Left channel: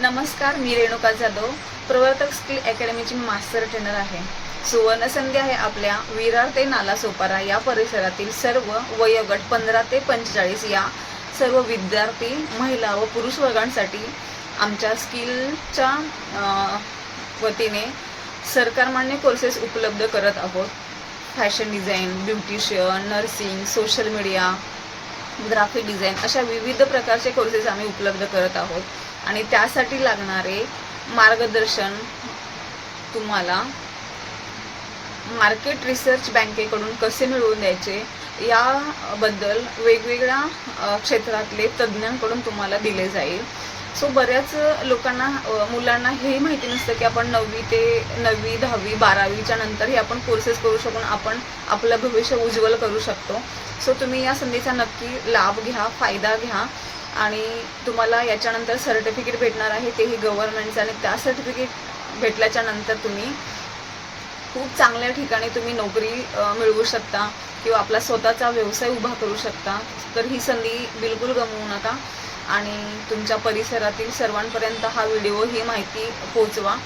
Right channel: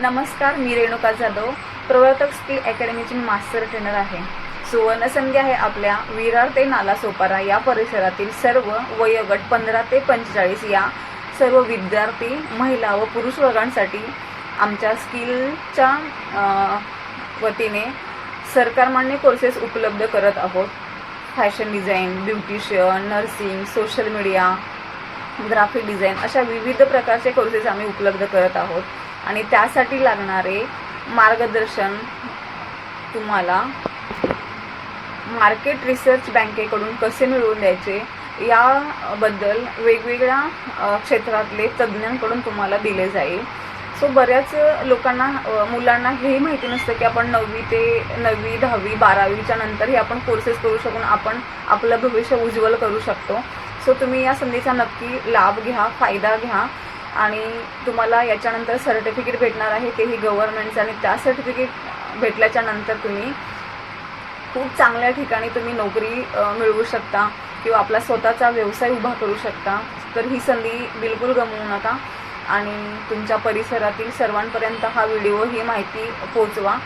नमस्कार, मी रेणुका जाधव, प्रवर्तक skill अकॅडमीची master trainer आहे। सुवर्णसंधी आहे आपल्या विरार ते नालासोपारा या परिसरातील सर्व वयोगट 15 ते 45 या सर्व विद्यार्थी, महिला व पुरुष वर्गांसाठी आमच्या स्किलच्या वतीने सरकारमान्य कोर्सेस उपलब्ध करत आहोत। Fashion design, beautician, nursing, social media, graphic design अशा विविध प्रकारचे कोर्सेस आम्ही उपलब्ध करत आहोत आणि त्यासाठी लागणारे मार्गदर्शन तुम्हाला मार्केट रिसर्च बँकेकडून कसे मिळवून द्यायचे याबद्दल वेगवेगळ्या क्षेत्रातले तज्ज्ञांकडून तुम्हाला दिले जाईल। सो बऱ्याच लोकांना मुलांना हे माहिती नसतं की आपण 9वी ते 9वी 10वी 12वीच्या नंतरही आपण कोर्सेस करू शकून आपण आपलं भविष्य उज्ज्वल करू शकतो। सो तुम्ही या संधीचा नक्की लाभ घ्या, फायदा घ्या आणि तुम्हाला याच्यानंतर सर्टिफिकेट भेटणार आहे, तेही गव्हर्नमेंटचं, आणि त्या सर्टिफिकेट भेटल्याच्या नंतर तुम्ही खूप चांगल्या ठिकाणी तुम्ही नोकरी मिळवू शकता किंवा आपला स्वतःचा व्यवसाय उभा करू शकता। तर ही संधी बिलकुल गमवू नका आणि तुमच्या परिसरातील सर्वांपर्यंत हा व्हिडिओ, ही माहिती पोहोचवा।